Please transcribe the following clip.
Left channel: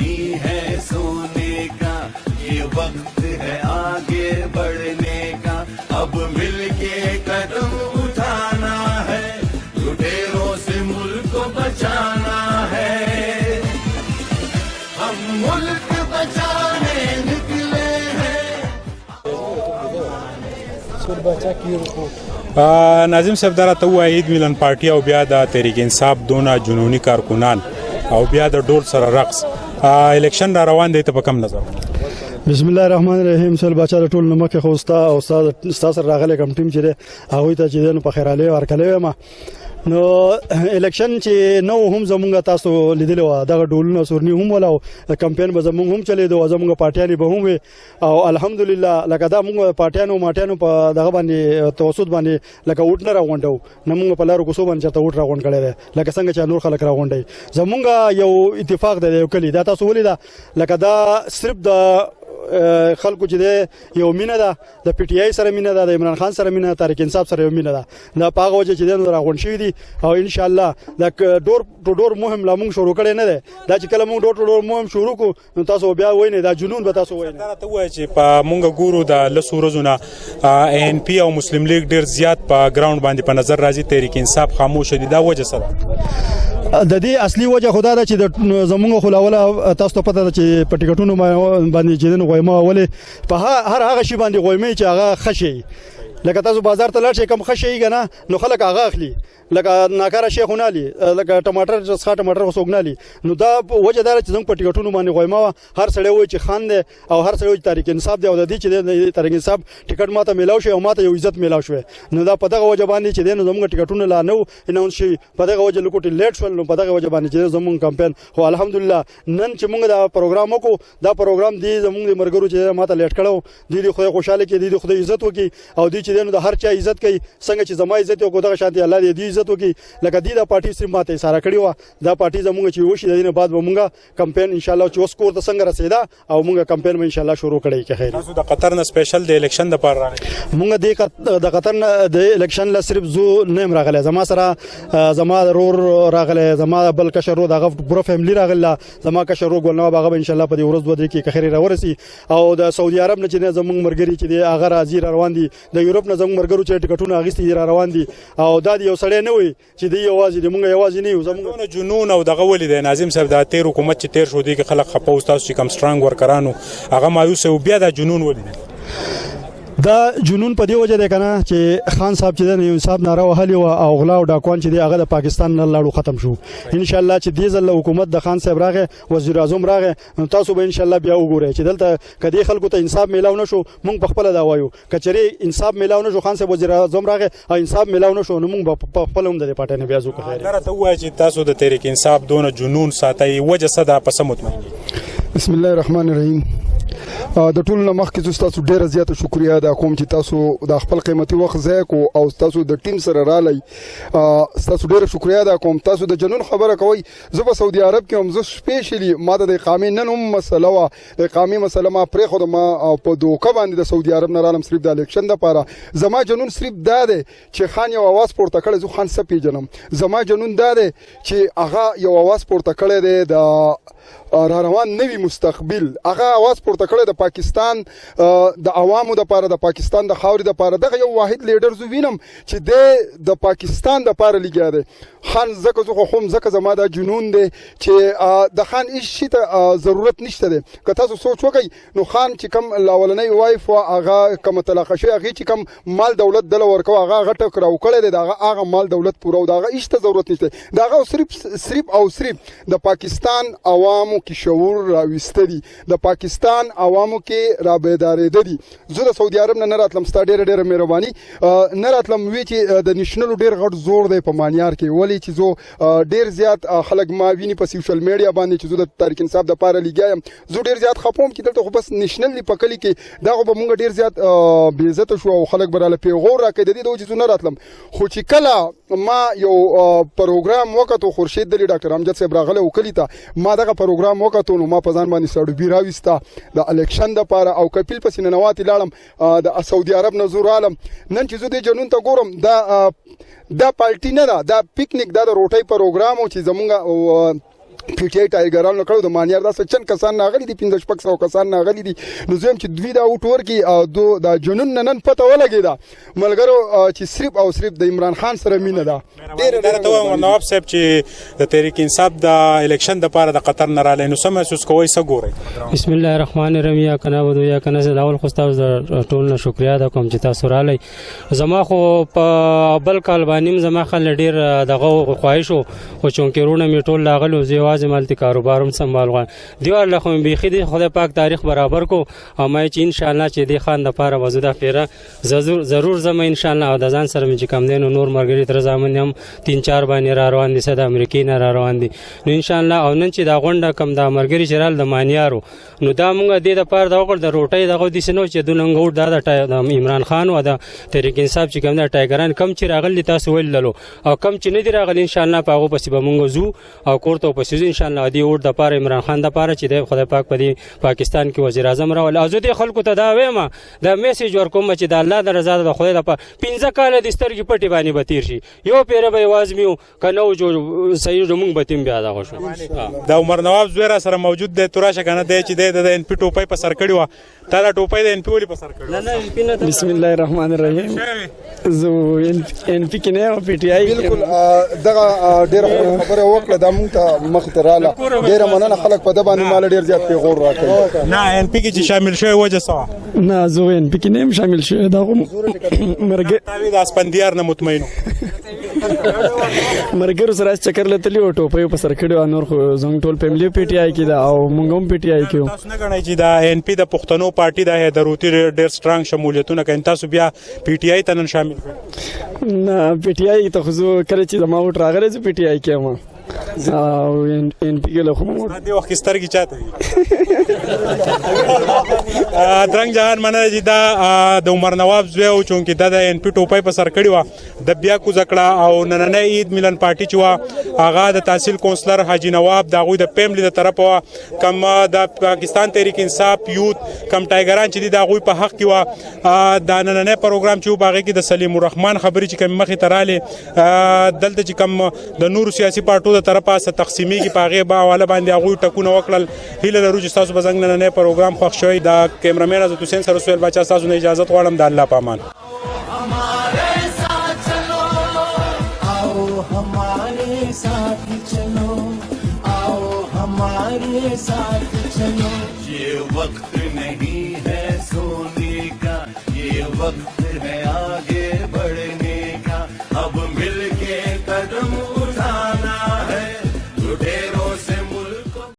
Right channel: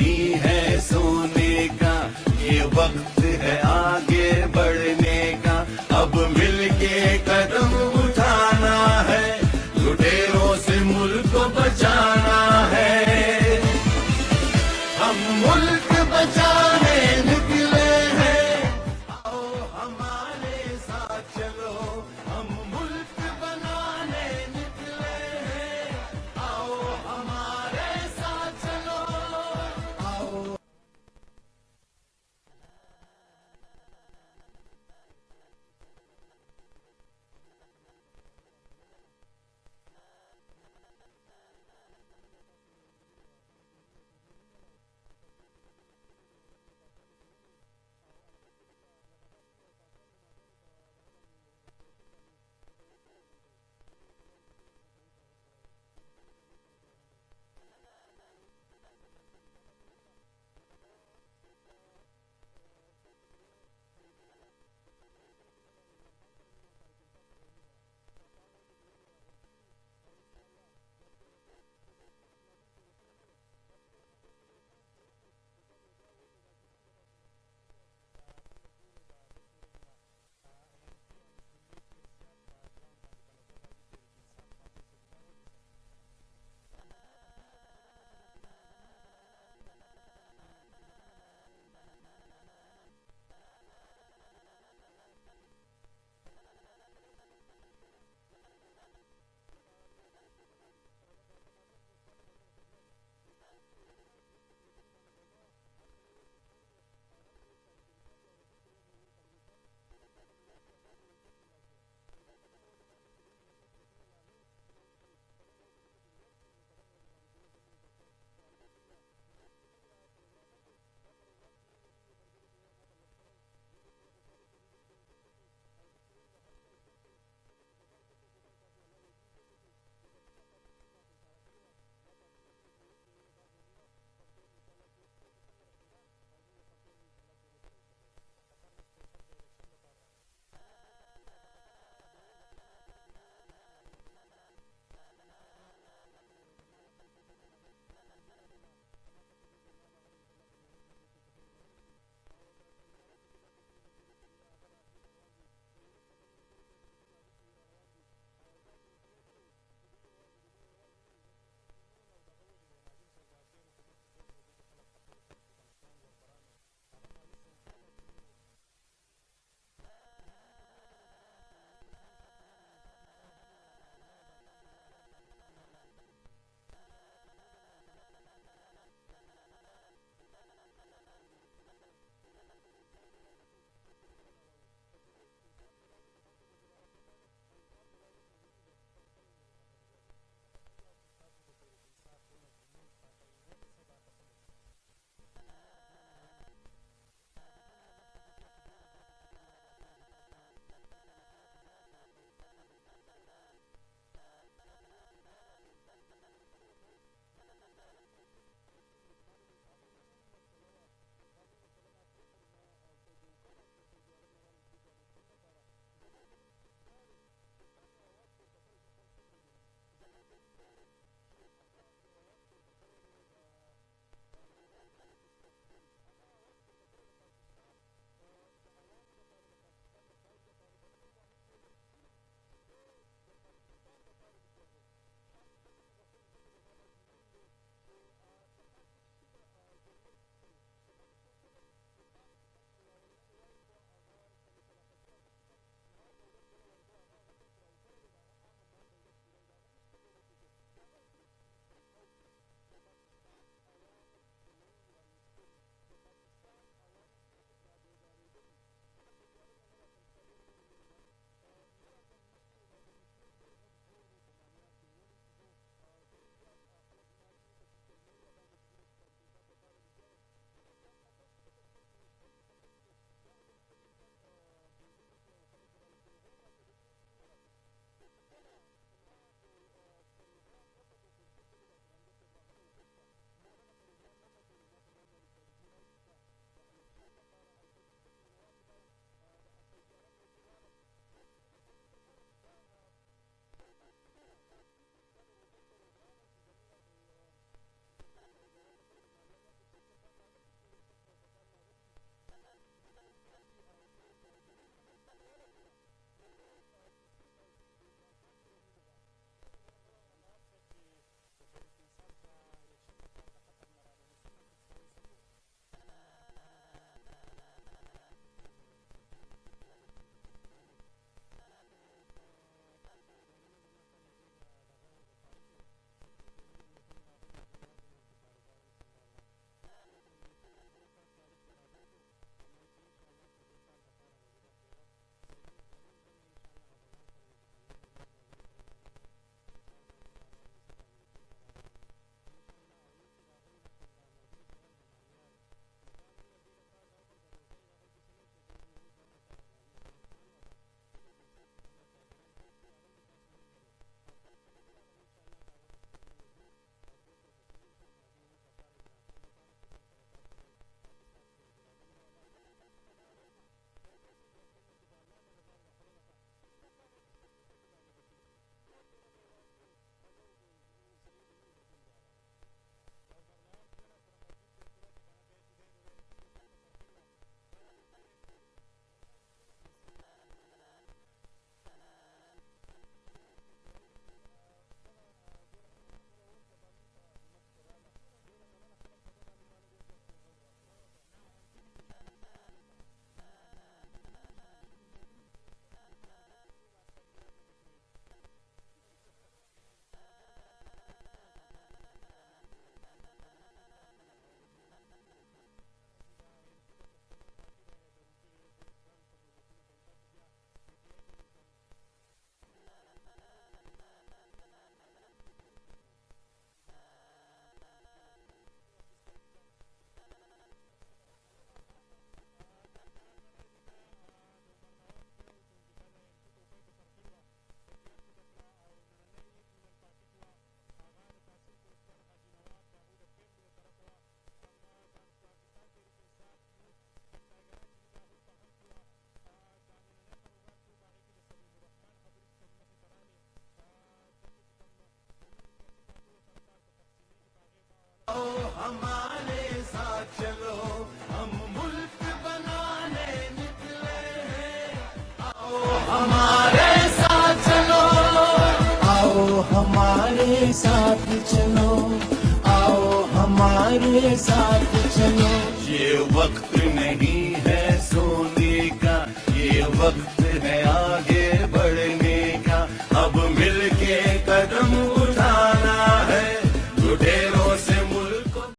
नहीं है सोने का, ये वक्त है आगे बढ़ने का, अब मिलके कदम उठाना है, लुटेरों से मुल्क को बचाना है, हम मुल्क बचाने निकले हैं। ناظم صاحب دا راته ووایه عید میلن پارټي او بیا د تحریک انصاف دونه جنوني کارکنان او بیا د ډول سره رقص الیکشن را روان دی ته په کم نظر؟ بسم الله الرحمن الرحیم. سل بچا ټول نمک خو استا سره راغله کم ټیم چې هغه ته چې نو په خیراله ورکلې ما نو الیکشن چې نو هم زمونږ تاسو لیدلو دغه ډولونه سورنی هم ولاو کمپاین به زمونږ هم چلے دو زمونږ پارټیانی به هم او الحمدلله لکه دا موږ پارټیانو ماټیانو په دغه باندې توسط باندې لکه وټ نه راغونډو نمونږ په لارو کوسو باندې چته وټ راغونډ کړي لکه څنګه چې نور خلک راغونډي زمونږ یو اتفاق دی یو کلی دا تاسو ولیدا لکه دا صرف د خلکو چې یو مینه ده د پی ټی آی سره مینه ده د عمران خان سره مینه ده تحریک انصاف سره مینه ده دا پاغه وجه چې نو راغون شي دي او ان شاء الله دا ډور ټو ډور مهم لا مونږ شروع کړي نه ده دا چې کله مونږ ډور ټو ډور مهم شروع کو نو تاسو بیا وای نه دا جنون به تاسو وای نه ته وای چې په مونږ ګورو د لسو ورځونه ان پی او مسلم لیگ ډیر زیات په ګراوند باندې په نظر راځي تحریک انصاف خاموش دي دا وجه سره د دې اصلي وجه خدا ده چې زمونږ خلاوله تاسو ته پته ده چې په ټیکټونو باندې چې نو غویمه ولې په هر هغه شی باندې غویمه چې هغه خشي لکه تاسو بازار ته لاړ شئ کم خشي کنه نو خلک هغه اخلي لکه ناکاره شیخونه لي لکه ټماټر څخه ټماټر وسوګنالي نو دا وجه دار چې زموږ په ټیکټونو باندې غویمه هر سړی وای چې خان دی او هر سړی وای تحریک انصاف دی او د دې چې تحریک انصاف ټیکټ ماته میلاو شي او ماته یو عزت میلاو شي نو دا په دغه وجه باندې چې نو زموږ ټیکټونه لا نو اناونس شي په دغه وجه لکوټي لیټ شول نو په دغه وجه باندې چې زموږ کمپاین خو الحمدلله نن چې موږ دا پروګرام وکړو دا پروګرام دی زموږ مرګرو چې ماته لیټ کړو دی خدای خوشاله کې دی خدای عزت وکي او دی چې نو د هر چا عزت کوي څنګه چې زما عزت او دغه شانتي الله دې عزت وکي لکه دی دا پارټي سیم ماته سارا کړی و دا پارټي زموږ چې وشي د دې نه بعد به موږ کمپاین ان شاء الله چې اوس کور ته څنګه رسیدا او موږ کمپاین به ان شاء الله شروع کړی کې خیر تاسو د قطر نه سپیشل د الیکشن د پاره راغلی موږ د قطر نه د الیکشن لا صرف زو نیم راغلی زما سره زما رور راغلی زما بل کشر رو دغه پوره فیملی راغله زما کشر رو ګلنو باغ ان شاء الله په دې ورځ دوه کې خیر راورسي او د سعودي عرب نه چې زموږ مرګري چې دی هغه راځي روان دي د یورپ نه زموږ مرګرو چې ټیکټونه اغستې روان دي او دا یو سړی نه وي چې دی یوازې د موږ یوازې نه یو زموږ جنون او دغه ولې د ناظم صاحب د تیر حکومت چې تیر شو دي کې خلک خپو تاسو چې کم سترانګ ورکرانو هغه مایوس او بیا د جنون ولې دا جنون په دی وجه ده کنه چې خان صاحب چې د انصاف ناره وهلی او غلا او ډاکوان چې دی هغه د پاکستان نه لاړو ختم شو ان شاء الله چې دې ځل حکومت د خان صاحب راغه وزیر اعظم راغه تاسو به ان شاء الله بیا وګورئ چې دلته کدي خلکو ته انصاف میلاو نشو مونږ په خپل دا وایو کچري انصاف میلاو نشو خان صاحب وزیر اعظم راغه او انصاف میلاو نشو نو مونږ په خپل هم د پټه نه بیا زو خیر دا ته وایي چې تاسو د تحریک انصاف دونه جنون ساتي وجه صدا په سموت بسم الله الرحمن الرحیم د ټول نمخ کې تاسو ډیره زیاته شکریا ادا کوم چې تاسو د خپل قیمتي وخت ځای کو او تاسو د ټیم سره رالي تاسو ډیره شکریا ادا کوم تاسو د جنون خبره کوي زه په سعودي عرب کې هم زه سپیشلی ماده د اقامه نن هم مسله وا د اقامه مسله ما پرې خو ما په دوکه باندې د سعودي عرب نه رالم صرف د الیکشن د پاره زما جنون صرف دا دی چې خان یو आवाज پورته کړي زه خان سپی جنم زما جنون دا دی چې هغه یو आवाज پورته کړي دی د را روان نوی مستقبل هغه आवाज پورته کړی د پاکستان د عوامو د پاره د پاکستان د خاورې د پاره دغه یو واحد لیډر زو وینم چې د پاکستان د پاره لګیا دی خان زکه زه خو زکه زما د جنون دی چې د خان هیڅ شي ته ضرورت نشته دی که تاسو سوچ وکړئ نو خان چې کم لاولنۍ وایف هغه کم طلاق شوی هغه چې کم مال دولت دله ورکو هغه غټه کراو کړی دی هغه مال دولت پورو دغه هیڅ ته ضرورت نشته دغه صرف او صرف د پاکستان عوامو کې شعور راويسته دي د پاکستان عوامو کې را بیدارېده دي زه د سعودي عرب نه راتلم ستا ډېره مهرباني نه راتلم وی چې د نېشنل ډېر غټ زور دی په مانیار کې ولې چې زه ډېر زیات خلک ما ویني په سوشل میډیا باندې چې زه د تحریک انصاف د پاره لګیایم زه ډېر زیات خپوم چې دلته خو بس نېشنل په کلی کې دا خو به مونږ ډېر زیات بې عزته شو او خلک به راله پیغور راکړي د دې د وجې زه نه راتلم خو چې کله ما یو پروګرام وکړو خورشید دلی ډاکټر امجد صاحب راغلی و کلي ته ما دغه پروګرام وکړو نو ما په ځان باندې سړوبي راویسته د الیکشن د پاره او کپیل پسې ننواتې لاړم د سعودي عرب نه زور عالم نن چې زه دې جنون ته ګورم دا پارټي نه ده دا پکنیک دا د روټۍ پروګرام او چې زمونږ پی ټی آی ټایګرانو کړو د مانیار داسې چند کسان راغلي دي 1500 کسان راغلي دي نو زم چې دوی دا وټ ورکی او د جنون نن پته ولګیدا ملګرو چې صرف او صرف د عمران خان سره مینه ده ډیر ته نواب صاحب چې د تحریک انصاف د الیکشن د پاره د قطر نه رااله نو سم محسوس کوی څه ګوري بسم الله الرحمن الرحیم یا کنا ودو یا کنا زه اول خو تاسو ټول نه شکریا ده کوم چې تاسو رااله زما خو په بل کال باندې زما خل ډیر دغه خواهش او چونکرونه می ټول لاغلو زیواز مالتي کاروبارم سنبال غوان دیوار له خو بيخي دي خدای پاک تاریخ برابر کو او ما چې ان شاء الله چې دی خان د پاره وزوده پیره ضرور زما ان شاء الله او د ځان سره چې کم دین نور مرګری تر ځامن هم 3-4 باندې را روان دي صد امریکای نه را روان دي نو ان شاء الله او نن چې دا غونډه کم د مرګری چرال د مانیارو نو دا مونږ د پاره د وګړو د روټي دغه د سينو چې دوننګوټ د عمران خان او د تحریک انصاف چې کم د ټایګران کم چې راغلي تاسو ویل لرو او کم چې نه دی راغلي ان شاء الله په هغه پسې به مونږ زو او کوړته پسې ان شاء الله دی اور د پاره عمران خان د پاره چې د خدای پاک په دې پاکستان کې وزیر اعظم راول او زه د خلکو ته دا وایم دا میسج ورکوم چې د الله د رضا د خدای د 15 کال د سترګې پټي باندې بتیر شي یو پیره به आवाज میو کنه جو صحیح زمونږ بتیم بیا دا شو دا عمر نواب زویرا سره موجود دی تراشه کنه دی چې د ان پی ټوپۍ په سر کړی و تا دا ټوپۍ د ان پی ولې په سر کړی بسم الله الرحمن الرحیم زه ان پی کې نه او پی ټی آی بالکل دغه ډېر خبره وکړه د مونږ ته مخ ته رااله ډېر مننه خلک په د باندې مال ډېر زیات پیغور راکړي نه ان پی کې چې شامل شوی وجه سوا نه زه ان پی کې نه شامل شوی دا مرګ تاوی د اسپندیار نه مطمئن مرګرو سره چکر لتلی او ټوپۍ په سر کړو نور خو زنګ ټول فیملی پی ټی آی کې دا او مونږ هم پی ټی آی کې تاسو نه غواړئ چې دا ان پی د پښتنو پارټي د هدروتی ډېر سترنګ شمولیتونه کوي تاسو بیا پی ټی آی ته نن شامل نه پی ټی آی ته خو کله چې زما وټ راغلی زه پی ټی آی کې ما او ان پی کې له خو د وخت سترګې چاته درنګ جهان مننه چې دا د عمر نواب زوی او چونکې دا د ان پی ټوپۍ په سر کړی و د بیا کو زکړه او نننۍ عید ملن پارټي چې و هغه د تحصیل کونسلر حاجی نواب د غوی د فیملی د طرف کم د پاکستان تحریک انصاف یوت کم ټایګران چې د غوی په حق کې و د نننۍ پروګرام چې باغې کې د سلیم الرحمن خبري چې کم مخې تراله دلته چې کم د نور سیاسي پارټو د طرفه څه تقسیمي کې پاغه با حواله باندې غوی ټکونه وکړل هیله لرو چې تاسو بزنګ نننۍ پروګرام خوښ شوی دا کیمرامین عزت حسین سره سویل بچا تاسو نه اجازه غواړم د الله پامان हमारे साथ चलो आओ हमारे साथ चलो आओ हमारे साथ चलो ये वक्त नहीं है सोने का ये वक्त है आगे बढ़ने